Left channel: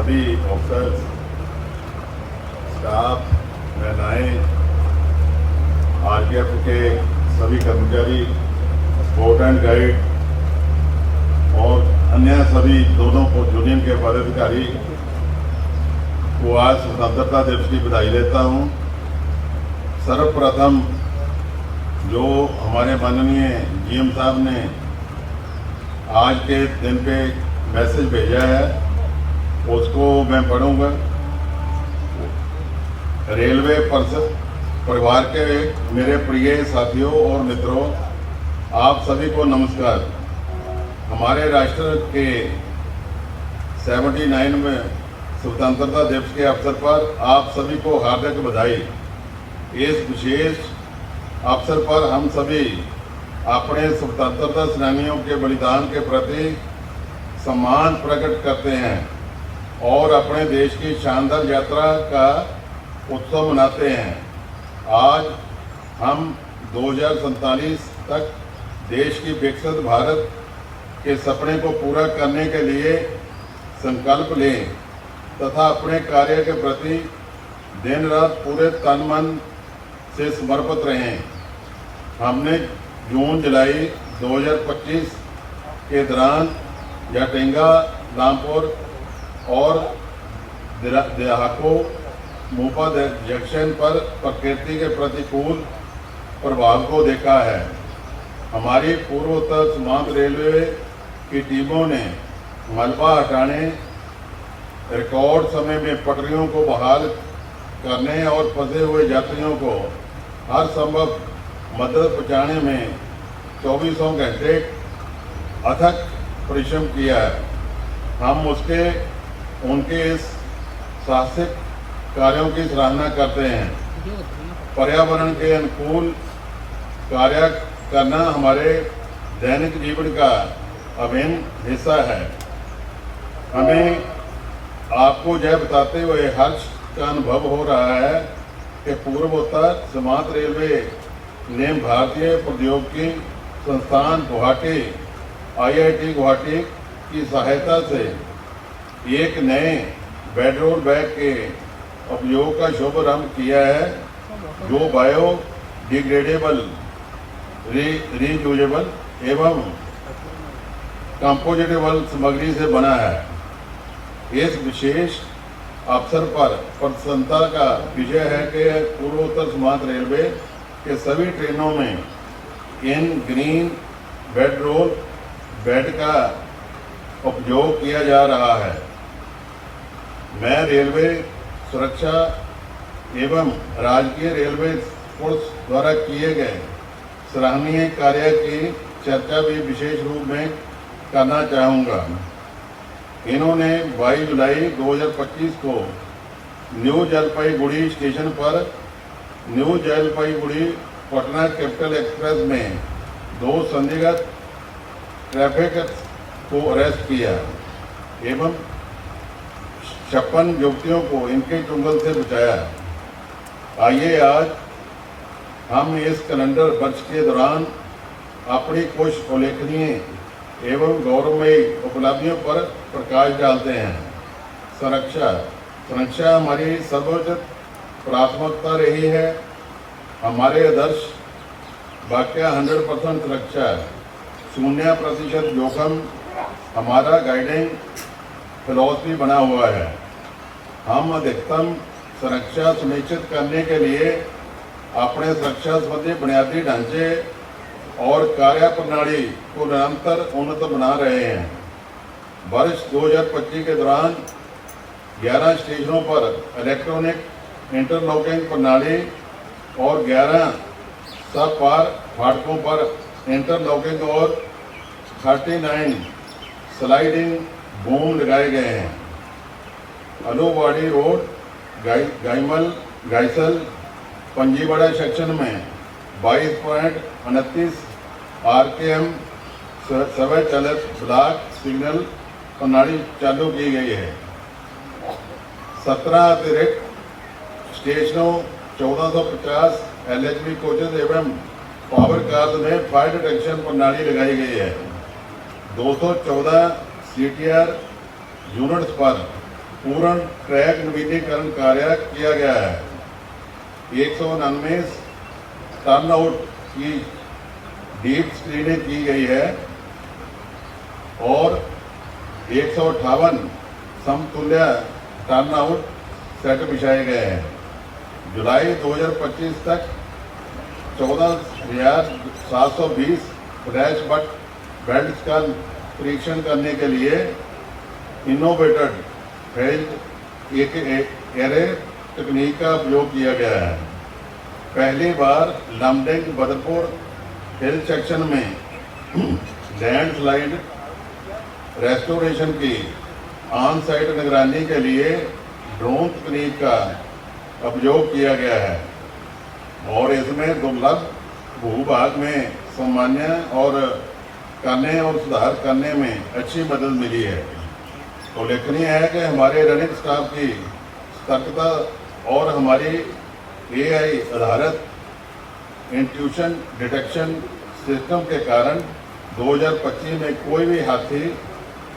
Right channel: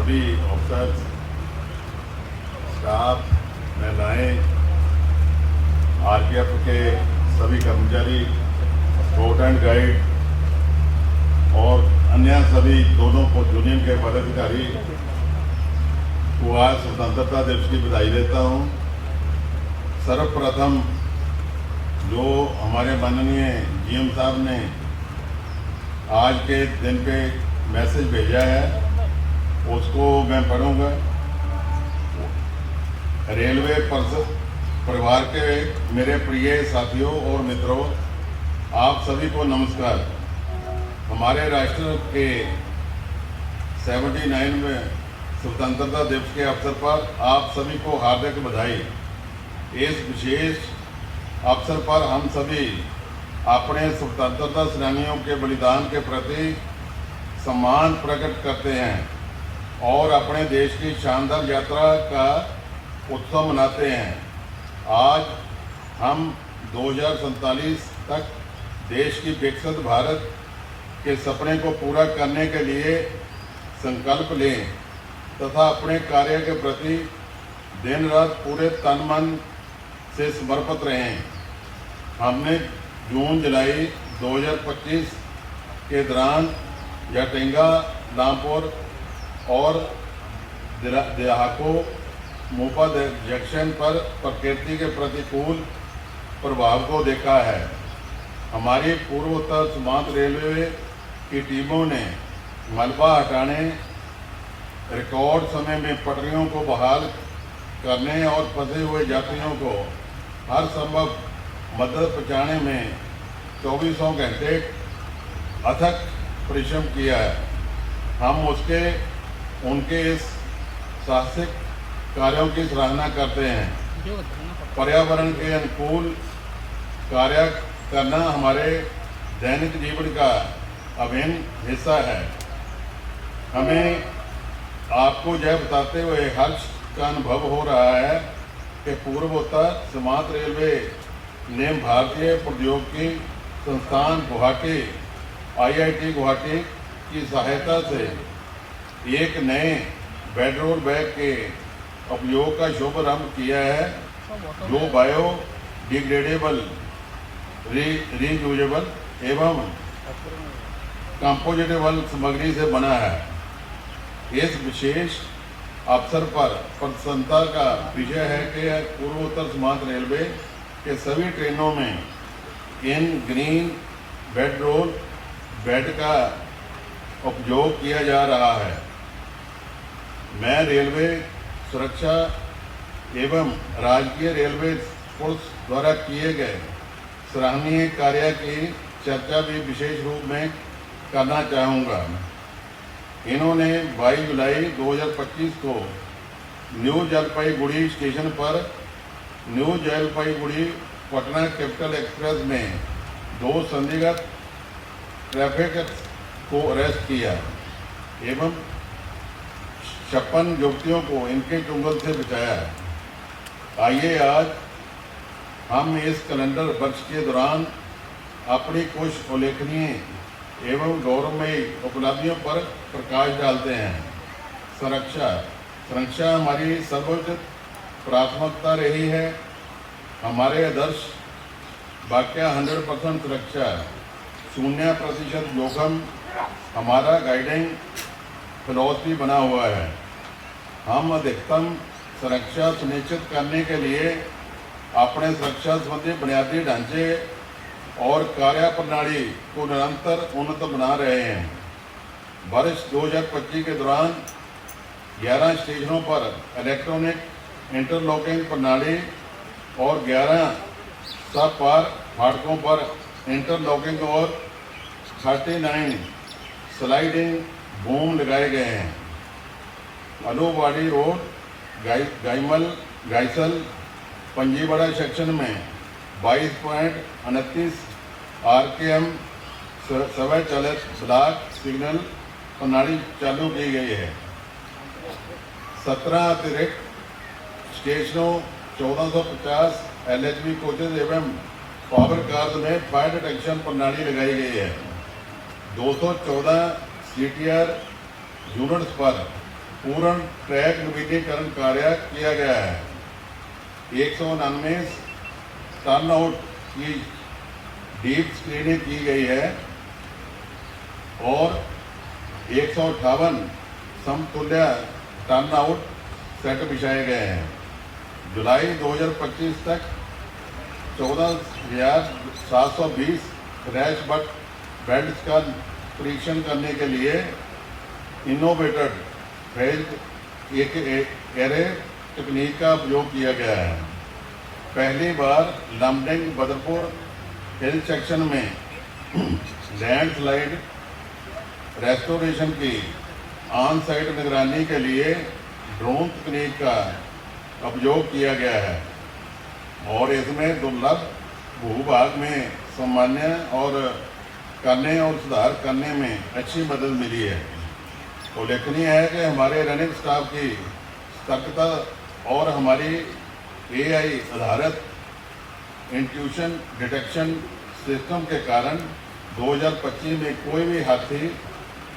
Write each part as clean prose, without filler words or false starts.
सभी officer, staff, महिलाएं, RPF के सभी कर्मचारी, स्काउट एंड गाइड और अन्य सभी दोनों को यूनियन के पदाधिकारी को आज स्वतंत्रता दिवस की बधाई देता हूं। सर्वप्रथम जो हमारे माननीय जीएम साहब ने आज के दिन पे मैसेज भेजा है उसको मैं पढ़ूंगा। रेलवे परिवार के मेरे प्रिय साथियों और मित्रों, आप सभी को नमस्कार। हमारे राष्ट्र के 79वें स्वतंत्रता दिवस के अवसर पर आप सभी को हार्दिक बधाई। इस विशेष अवसर पर हम सभी अपने स्वतंत्रता सेनानियों के बलिदान के प्रति सम्मान प्रकट करते हैं और अपने देश की शानदार यात्रा का उत्सव मनाते हैं। आज हम 2047 तक देश की विकसित भारत के सपने को पूरा करने के लिए संकल्प लें तथा अपने कार्य के प्रति दिन रात पूरे तन मन से समर्पित रहें। हमने जून जुलाई 2025 के दौरान याटेंगा, रामपुर और देहाको मोपा जंक्शन पर प्रकृति के प्रतिकूल प्रभाव को देखा है। हमारी पूर्वोत्तर सीमांत रेलवे की टीमों ने मलबा हटाने, रिकॉर्ड समय में पटरियों को बहाल करने और फंसे हुए यात्रियों को हर संभव मदद पहुंचाने में 24 घंटे अथक परिश्रम किया है। हम उनके इस साहसिक कार्यों की सराहना करते हैं। पर्यावरण के अनुकूल कार्य करना हमारे दैनिक जीवन का अभिन्न हिस्सा है। हमें आपको यह बताते हुए हर्ष का अनुभव हो रहा है कि पूर्वोत्तर सीमांत रेलवे ने भारतीय प्रौद्योगिकी संस्थान गुवाहाटी IIT गुवाहाटी की सहायता से एक नए बेडरोल बैग के उपयोग का शुभारंभ किया है जो बायोडिग्रेडेबल, रीयूजेबल एवं कंपोजिटेबल सामग्री से बना है। इस विशेष अवसर पर प्रसन्नता का विषय है कि पूर्वोत्तर सीमांत रेलवे के सभी ट्रेनों में इन ग्रीन बेडरोल बेड का उपयोग किया जा रहा है। मैं रेलवे सुरक्षा एवं राजकीय रेलवे पुलिस द्वारा किए गए सराहनीय कार्य की चर्चा भी विशेष रूप में करना चाहूँगा। इन्होंने 22 जुलाई 2025 को न्यू जलपाईगुड़ी स्टेशन पर new Jalpaiguri Patna capital express में 2 संदिग्ध ट्रैफिक को अरेस्ट किया एवं 56 युवतियों को इनके चुंगल से बचाया। आइए आज हम इस कैलेंडर वर्ष के दौरान अपनी कुछ उल्लेखनीय एवं गौरवमयी उपलब्धियों पर प्रकाश डालते हैं। सुरक्षा हमारी सर्वोच्च प्राथमिकता रही है। हमारे आदर्श वाक्य 100% सुरक्षा, 0% जोखिम हमारा गाइडिंग फिलॉसफी बना हुआ है। हम अधिकतम सुरक्षा सुनिश्चित करने के लिए अपने सुरक्षा संबंधी बुनियादी ढांचे और कार्य प्रणाली को निरंतर उन्नत बना रहे हैं। वर्ष 2025 के दौरान 11 स्टेशनों पर इलेक्ट्रॉनिक इंटरलॉकिंग प्रणाली और 11 सब पार फाटकों पर इंटरलॉकिंग और 39 स्लाइडिंग बूम लगाए गए हैं। अलूवाड़ी और गाइसल पंजीवाड़ा सेक्शन में 22.29 RPM स्वचालित ब्लॉक सिग्नल प्रणाली चालू की गई है। 17 अतिरिक्त स्टेशनों 1450 LHB कोचेज एवं पावर कार्स में फायर डिटेक्शन प्रणाली लगाई गई है। 214 CTR यूनिट्स पर पूर्ण ट्रैक नवीनीकरण कार्य किया गया है। 199 टर्न आउट की डीप स्क्रीनिंग की गई है और 158 समतुल्य टर्न आउट सेट बिछाए गए हैं। जुलाई 2025 तक 14,720 फ्लैश बेल्ट का परीक्षण करने के लिए इनोवेटेड फेज एरे तकनीक का उपयोग किया गया है। पहली बार लमडिंग बदरपुर हिल सेक्शन में लैंडस्लाइड रेस्टोरेशन की ऑन साइट निगरानी के लिए ड्रोन तकनीक का उपयोग किया गया है और इसमें दुर्लभ भूभाग में सामान्य और करने और सुधार करने में अच्छी मदद मिली है। उल्लेखनीय है कि हमारे रनिंग स्टाफ की सतर्कता और हमारी AI आधारित इंट्यूशन डिटेक्शन सिस्टम के कारण 2025 में कोई भी हाथी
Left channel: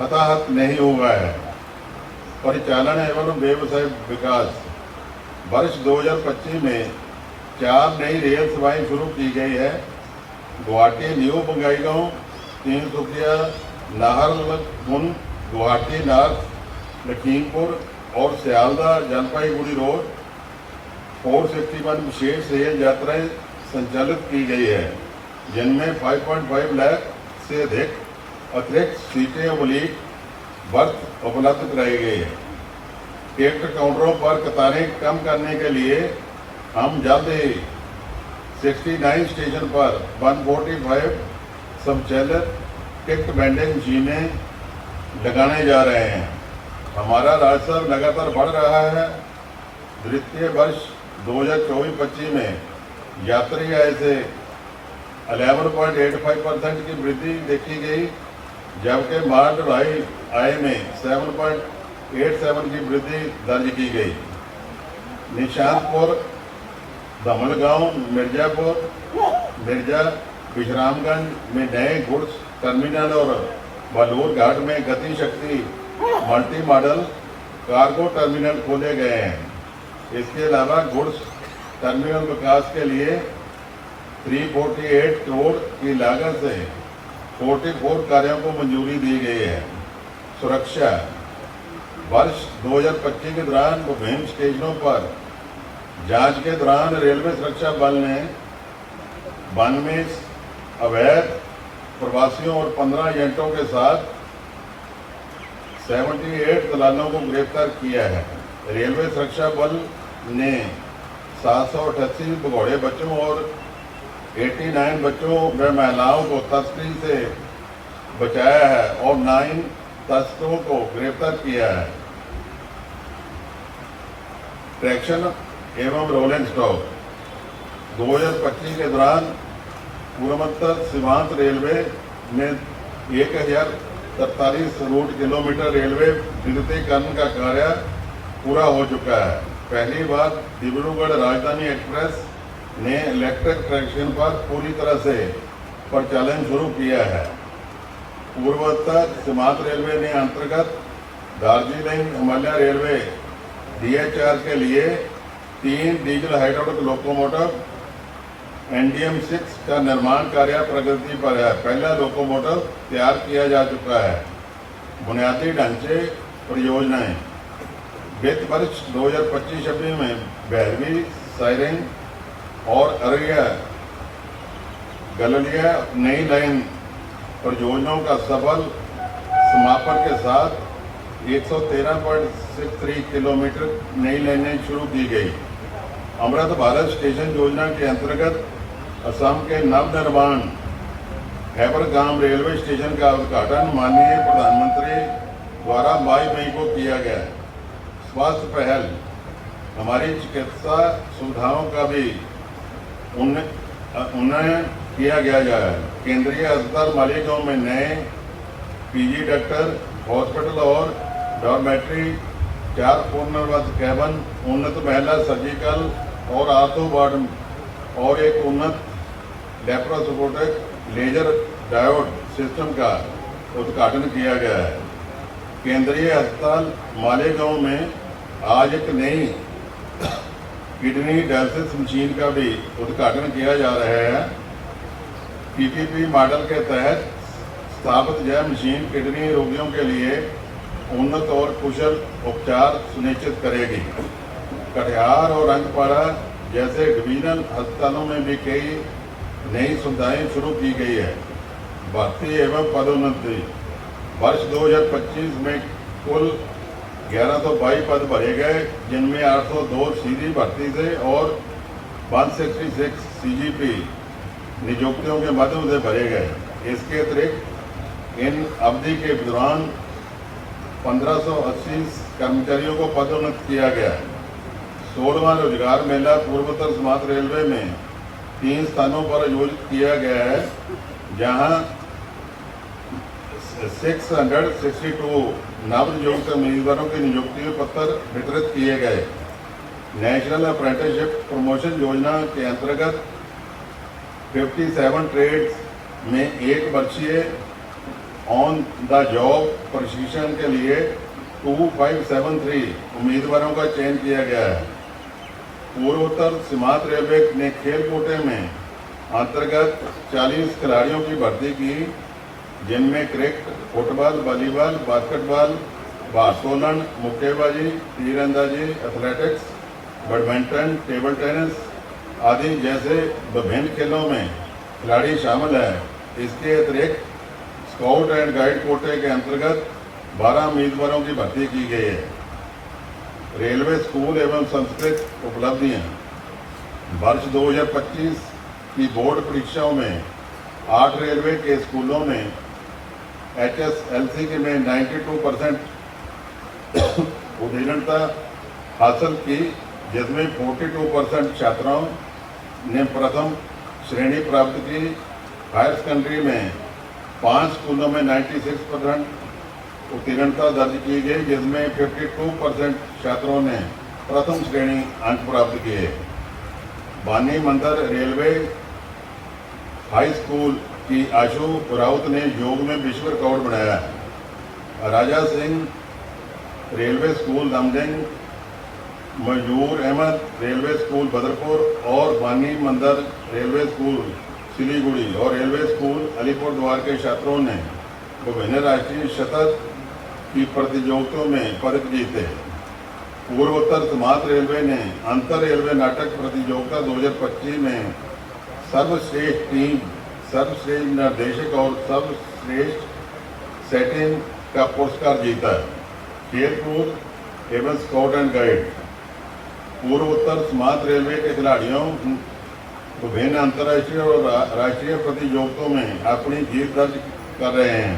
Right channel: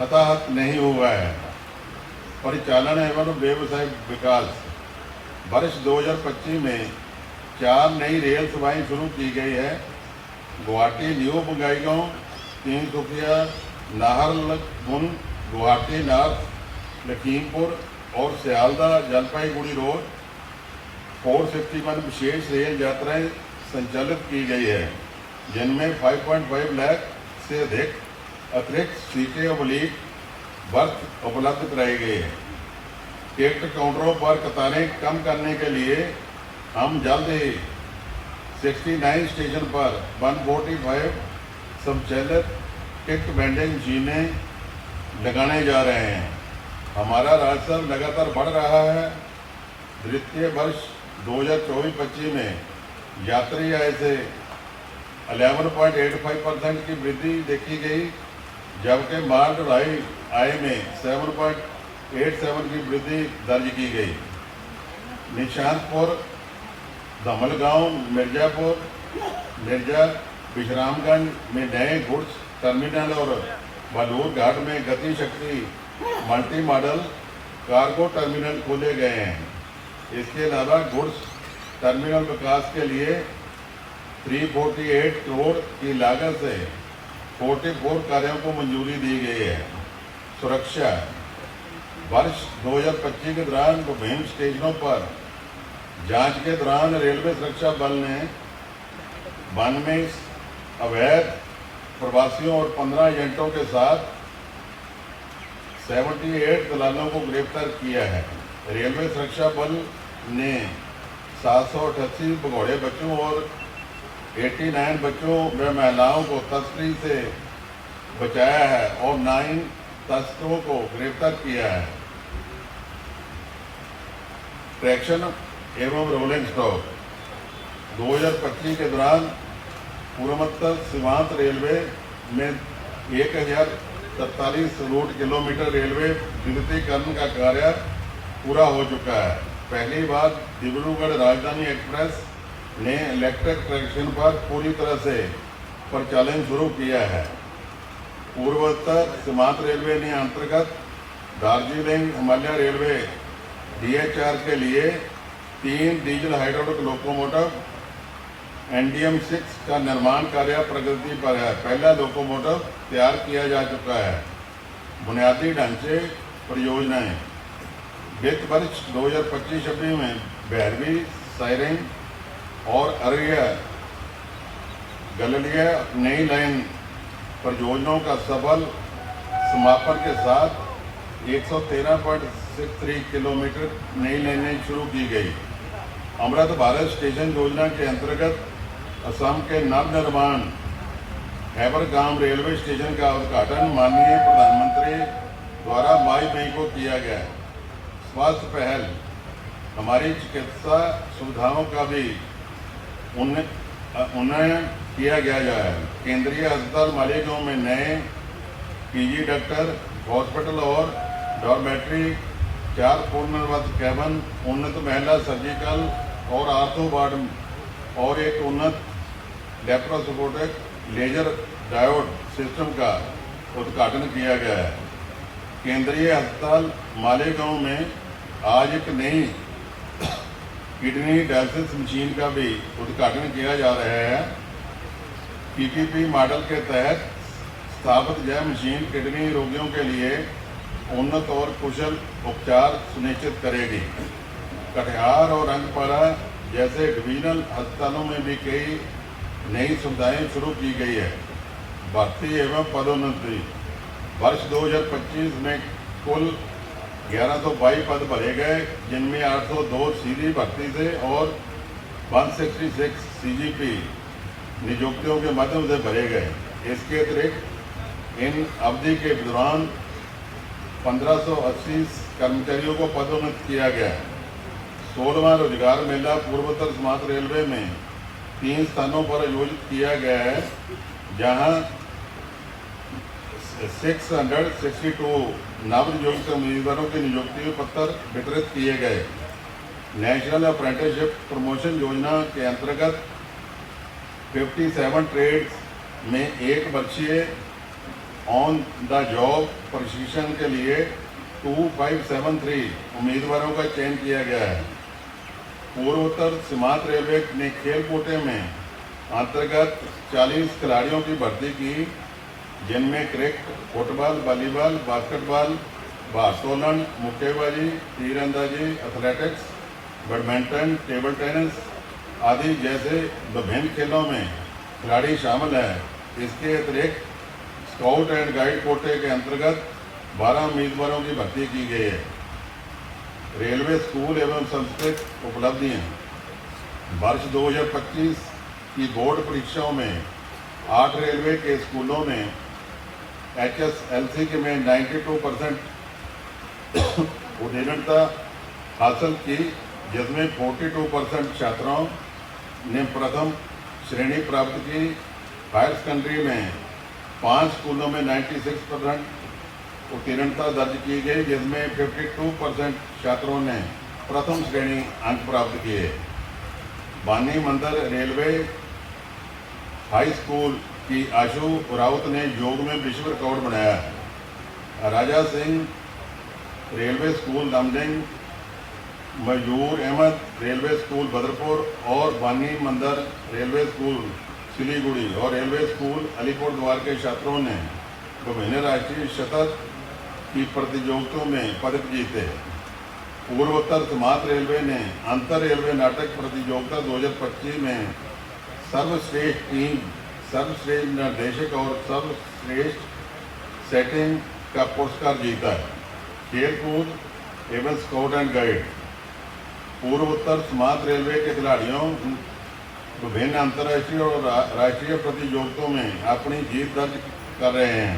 हताहत नहीं हुआ है। परिचालन एवं व्यवसाय विकास वर्ष 2025 में 4 नई रेल सेवाएं शुरू की गई है। गुवाहाटी न्यू बंगाईगांव, तीनसुकिया, नाहरलगुन, गुवाहाटी नॉर्थ, लखीमपुर और सियालदह जलपाईगुड़ी रोड 461 विशेष रेल यात्राएं संचालित की गई है, जिनमें 5.5 लाख से अधिक अतिरिक्त सीटें ओब्लीक बर्थ उपलब्ध कराई गई है। टिकट काउंटरों पर कतारें कम करने के लिए हम जल्द ही 69 स्टेशन पर 145 स्वचालित टिकट वेंडिंग मशीनें लगाने जा रहे हैं। हमारा राजस्व लगातार बढ़ रहा है। वित्तीय वर्ष 2024-25 में यात्री आय से 11.85% की वृद्धि देखी गई, जबकि माल ढुलाई आय में 7.87 की वृद्धि दर्ज की गई। निशांतपुर, दमलगांव, मिर्जापुर, मिर्जा, विश्रामगंज में नए गुड्स टर्मिनल और बलूर घाट में गति शक्ति मल्टी मॉडल कार्गो टर्मिनल खोले गए हैं। इसके अलावा गुड्स टर्मिनल विकास के लिए 348 करोड़ की लागत से 44 कार्यों को मंजूरी दी गई है। सुरक्षा वर्ष 2025 के दौरान विभिन्न स्टेशनों पर जांच के दौरान रेलवे सुरक्षा बल ने 92 अवैध प्रवासियों और 15 एजेंटों के साथ 78 दलालों को गिरफ्तार किया है। रेलवे सुरक्षा बल ने 788 भगोड़े बच्चों और 89 बच्चों व महिलाओं को तस्करी से बचाया है और 9 तस्करों को गिरफ्तार किया है। ट्रैक्शन एवं रोलिंग स्टॉक 2025 के दौरान पूर्वोत्तर सीमांत रेलवे में 1043 रूट किलोमीटर रेलवे विद्युतीकरण का कार्य पूरा हो चुका है। पहली बार डिब्रूगढ़ राजधानी एक्सप्रेस ने इलेक्ट्रिक ट्रैक्शन पर पूरी तरह से परिचालन शुरू किया है। पूर्वोत्तर सीमांत रेलवे ने अंतर्गत दार्जिलिंग हिमालय रेलवे DHR के लिए 3 डीजल हाइड्रोलिक लोकोमोटिव NDM-6 का निर्माण कार्य प्रगति पर है। पहला लोकोमोटिव तैयार किया जा चुका है। बुनियादी ढांचे परियोजनाएं वित्त वर्ष 2025-26 में भैरवी, साइरिंग और अररिया गललिया नई लाइन परियोजनाओं का सफल समापन के साथ 113.63 किलोमीटर नई लाइनें शुरू की गई। अमृत भारत स्टेशन योजना के अंतर्गत असम के नवनिर्माण हैबरगाम रेलवे स्टेशन का उद्घाटन माननीय प्रधानमंत्री द्वारा 22 मई को किया गया। स्वास्थ्य पहल हमारी चिकित्सा सुविधाओं का भी उन्नयन किया गया है। केंद्रीय अस्पताल मालीगांव में नए PG डॉक्टर हॉस्पिटल और डॉर्मेट्री, 4 पूर्णवर्ग कैबन, उन्नत महिला सर्जिकल और आर्थो वार्ड और एक उन्नत लेप्रोस्कोपिक लेजर डायोड सिस्टम का उद्घाटन किया गया है। केंद्रीय अस्पताल मालेगांव में आज एक नई किडनी डायलिसिस मशीन का भी उद्घाटन किया जा रहा है। पीपीपी मॉडल के तहत स्थापित यह मशीन किडनी रोगियों के लिए उन्नत और कुशल उपचार सुनिश्चित करेगी। कटिहार और रंगपाड़ा जैसे डिवीजनल अस्पतालों में भी कई नई सुविधाएं शुरू की गई है। भर्ती एवं पदोन्नति वर्ष 2025 में कुल 1122 पद भरे गए, जिनमें 802 सीधी भर्ती थे और 166 सीजीपी नियुक्तियों के माध्यम से भरे गए। इसके अतिरिक्त इन अवधि के दौरान 1580 कर्मचारियों को पदोन्नत किया गया। 16वां रोजगार मेला पूर्वोत्तर सीमांत रेलवे में 3 स्थानों पर आयोजित किया गया है, जहां 662 नवनियुक्त उम्मीदवारों के नियुक्ति पत्र वितरित किए गए। नेशनल अप्रेंटिसशिप प्रमोशन योजना के अंतर्गत 57 ट्रेड्स में 1 वर्षीय ऑन द जॉब प्रशिक्षण के लिए 2573 उम्मीदवारों का चयन किया गया है। पूर्वोत्तर सीमांत रेलवे ने खेल कोटे में अंतर्गत 40 खिलाड़ियों की भर्ती की, जिनमें क्रिकेट, फुटबॉल, वॉलीबॉल, बास्केटबॉल, भारोत्तोलन, मुक्केबाजी, तीरंदाजी, एथलेटिक्स, बैडमिंटन, टेबल टेनिस आदि जैसे विभिन्न खेलों में खिलाड़ी शामिल हैं। इसके अतिरिक्त स्काउट एंड गाइड कोटे के अंतर्गत 12 उम्मीदवारों की भर्ती की गई है। रेलवे स्कूल एवं संस्कृत उपलब्धियां वर्ष 2025 की बोर्ड परीक्षाओं में 8 रेलवे के स्कूलों ने HSLC में 92% उत्तीर्णता हासिल की, जिसमें 42% छात्राओं ने प्रथम श्रेणी प्राप्त की। हायर सेकेंडरी में 5 स्कूलों में 96% उत्तीर्णता दर्ज की गई, जिसमें 52% छात्रों ने प्रथम श्रेणी अंक प्राप्त किए। बानी मंदिर रेलवे हाई स्कूल की आशु राउत ने योग में विश्व रिकॉर्ड बनाया। राजा सिंह रेलवे स्कूल रामडिंग, मयूर अहमद रेलवे स्कूल बदरपुर और बानी मंदिर रेलवे स्कूल सिलीगुड़ी और रेलवे स्कूल अलीपुरद्वार के छात्रों ने विभिन्न राष्ट्रीय सतत की प्रतियोगिताओं में पदक जीते। पूर्वोत्तर सीमांत रेलवे ने अंतर रेलवे नाटक प्रतियोगिता 2025 में सर्वश्रेष्ठ टीम, सर्वश्रेष्ठ निर्देशक और सर्वश्रेष्ठ सेटिंग का पुरस्कार जीता। खेलकूद एवं स्काउट एंड गाइड पूर्वोत्तर सीमांत रेलवे के खिलाड़ियों विभिन्न अंतर्राष्ट्रीय और राष्ट्रीय प्रतियोगिताओं में अपनी जीत दर्ज कर रहे हैं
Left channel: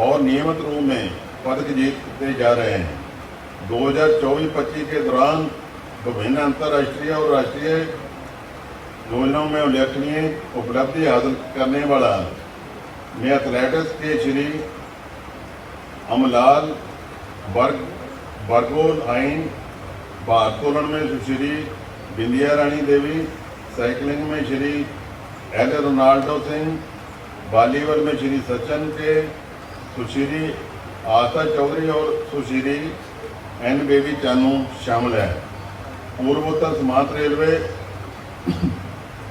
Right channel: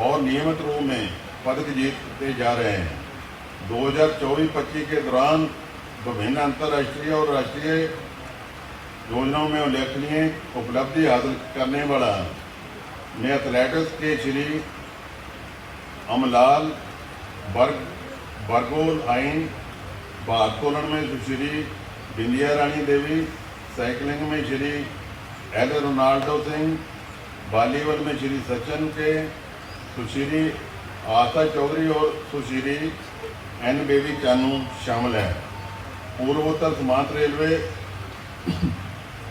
और नियमित रूप में पदक जीतते जा रहे हैं। 2024-25 के दौरान विभिन्न अंतर्राष्ट्रीय और राष्ट्रीय योजनाओं में उल्लेखनीय उपलब्धि हासिल करने वाला ने एथलेटिक्स के श्री अमलाल बरगोल आइन, भारोत्तोलन में सुश्री बिंदिया रानी देवी, साइकिलिंग में Shri L Ronaldo Singh, volleyball में श्री सचिन के, सुश्री आशा चौधरी और सुश्री एन बेबी चानू शामिल है। पूर्वोत्तर सीमांत railway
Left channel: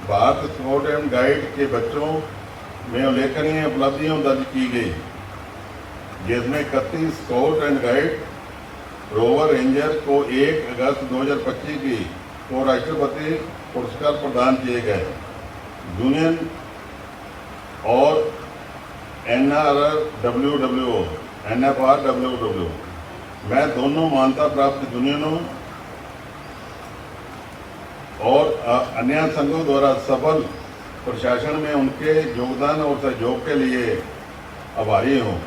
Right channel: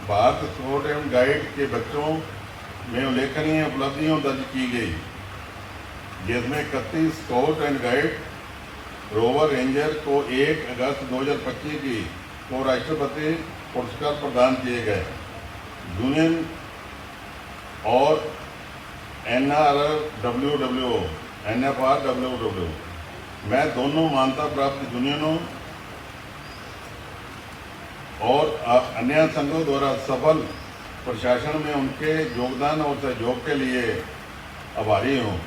Bharat scout and guide के बच्चों में उल्लेखनीय उपलब्धियां दर्ज की गई, जिसमें 31 scout and guide rover ranger को 1 अगस्त 2025 को राष्ट्रपति पुरस्कार प्रदान किए गए। यूनियन और NFRWW में दोनों मान्यता प्राप्त यूनियनों और अन्य संघों द्वारा सफल प्रशासन में उनके योगदान और सहयोग के लिए आभारी हूँ।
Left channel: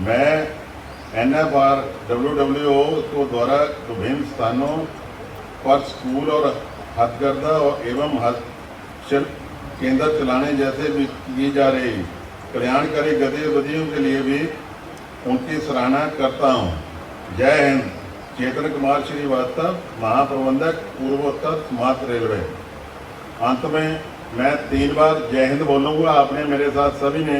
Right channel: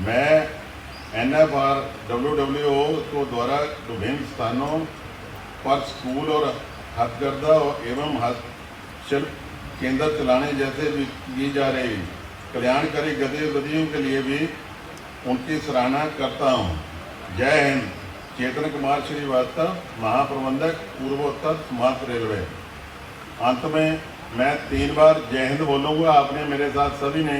मैं NFRWWO को द्वारा विभिन्न स्थानों पर स्कूल और हथकरघा एवं हस्तशिल्प केंद्र चलाने जैसे भी की जा रही कल्याणकारी गतिविधियों के लिए भी उनकी सराहना करता हूँ। जय हिंद। चेतन कुमार श्रीवास्तव, महाप्रबंधक, पूर्वोत्तर सीमांत रेलवे। अंत में मैं 3 बार जय हिंद बोलूँगा। आपने मेरे साथ सभी ने